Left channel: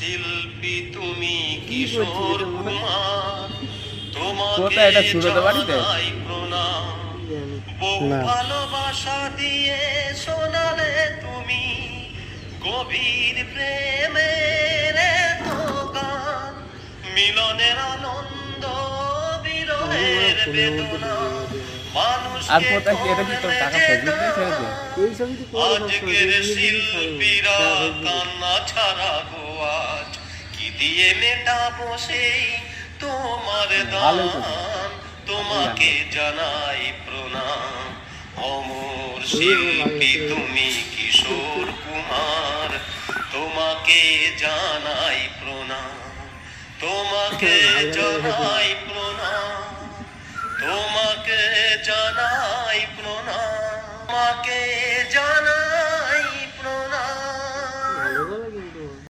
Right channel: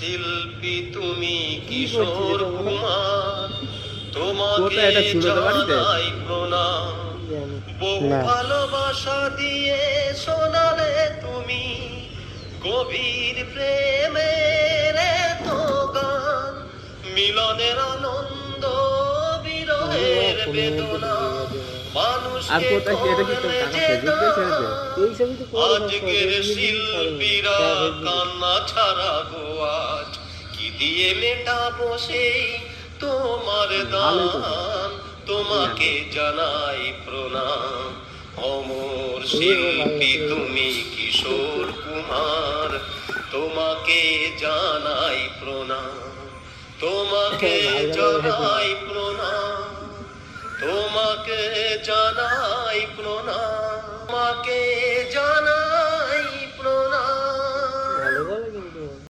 শিল্পী তুমি কিশোর কুমার, তোমাকে জানাই প্রণাম। বহু ভালোবাসা দিয়ে শোনালে তুমি গভীর প্রেমের এত গান, মিলনের আনন্দ বিরহের বেদনা, মানুষকে করলে যে দান। আজকের শিল্পীরা কান্না ছাড়া গো আজ কি দিয়ে মেটাবো সেই তোমার দান, তোমাকে জানাই প্রণাম। অমর শিল্পী তুমি কিশোর কুমার, তোমাকে জানাই প্রণাম, তোমাকে জানাই প্রণাম, তোমাকে জানাই প্রণাম, তোমাকে জানাই।